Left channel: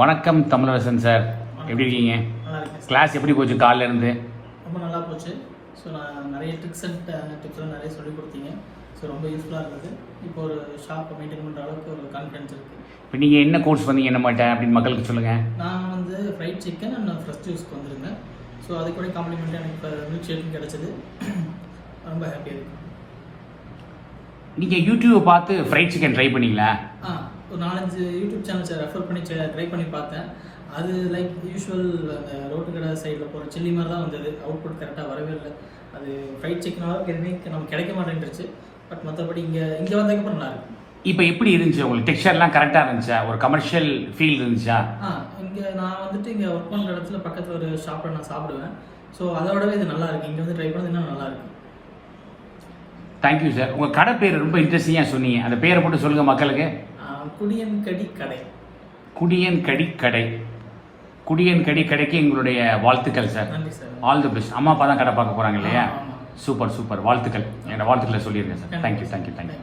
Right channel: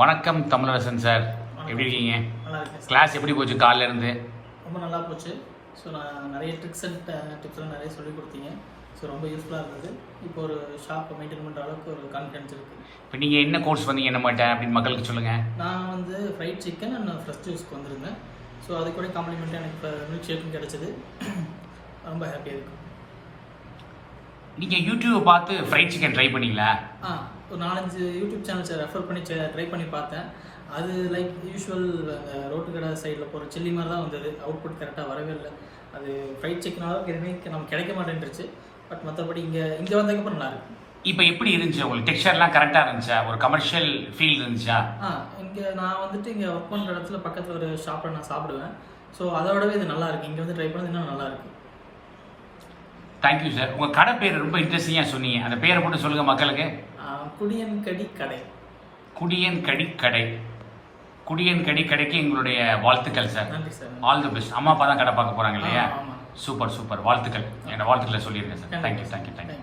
வணக்கம் தமிழரசன் சார், எப்படி இருக்கீங்க? நல்லா இருக்கேன். கிளாஸ் எப்படி போச்சு காலைல இருந்து? ரொம்ப நல்லா போச்சு. ஸோ நான் நிறைய ட்ரிக்ஸ் அண்ட் டிப்ஸ்லாம் நிறைய சொல்லிக் கொடுத்தீங்க. ஸோ ரொம்ப யூஸ்ஃபுல்லாக இருந்தது. இப்போ ஒரு ஷாப்பை மெயின்டைன் பண்ணுற அளவுக்கு ஒரு கான்ஃபிடன்ஸ் இருக்குது. இப்போ நீங்கள் என்ன கோர்ஸ் வந்தீங்க என்ன மாட்டேன் அப்படின்னு மக்களுக்கு சொல்லுங்கள். நான் வந்து ஃப்ரைட் சிக்கன் அண்ட் ஃப்ரெஷ் ஜூஸ்க்கு வந்திருந்தேன். ஸோ அது கூட காம்ப்ளிமெண்ட்டாக எனக்கு இப்போ மில்க் ஷேக்கும் கிடச்சிது. ரொம்ப ஹாப்பியாக இருக்கும். நீங்கள் யூடியூப்பை பார்த்து ஃப்ரைட் சிக்கன் ட்ரை பண்ணீங்களா? ஒரு 4-5 யூடியூப் சேனல்ஸை ரெஃபர் பண்ணி ட்ரை பண்ணி பார்த்தேன். அது லைக் யூஸ்வல் அந்த ரோட்டு கடை சைடில் போகிற சில்லி மாதிரி தான் வந்தது. அவுட்புட் கரெக்டாக வரவே இல்லை. அது ஃப்ரைட் சிக்கனாலும் எதுவுமே நமக்கு கிடைக்க மாட்டேன்ருச்சு. பட் மற்றபடி இங்கே வந்ததுக்கப்புறம் நல்லா இருக்கு. இப்போ எப்படி இருந்துச்சு உங்களுக்கு? டெக்ஸ்சர்லாம் கரெக்டாக இருந்துச்சா? ஒரு கமர்ஷியல் ஃபீல் இருந்துச்சா? இங்கே நான் வந்துட்டு இங்கே ஒர்க் பண்ணுற இடத்துல பக்கத்தில் ஒரு ஷாப்பில் நான் சாப்பிடுவேன். ஸோ அதை விடவே இது நல்லா இருக்குது. இங்கே வந்து ட்ரை பண்ணது இன்னும் நல்லா இருக்குது. Thank you sir. உங்கள் கடை பேர் ரொம்ப இன்ட்ரெஸ்டிங்காக சொன்னீங்க. அந்த பேரை போட்டு சொல்லுங்கள் மக்களுக்கு. குடியன் கடி கடை. குடியன் கடி கடை. குடியன் கடி கடைக்கு எங்களுடைய வாழ்த்துக்கள் சார். நன்றி சார். All the best. அம்மா அப்பா தான் கடை பார்க்க போகிறாங்க இல்லையா? ஆமாம். Super super. வாழ்த்துக்கள். என்னோட வாழ்த்துக்களை சொல்லியிருக்கேன் சார். தேங்க்யூ.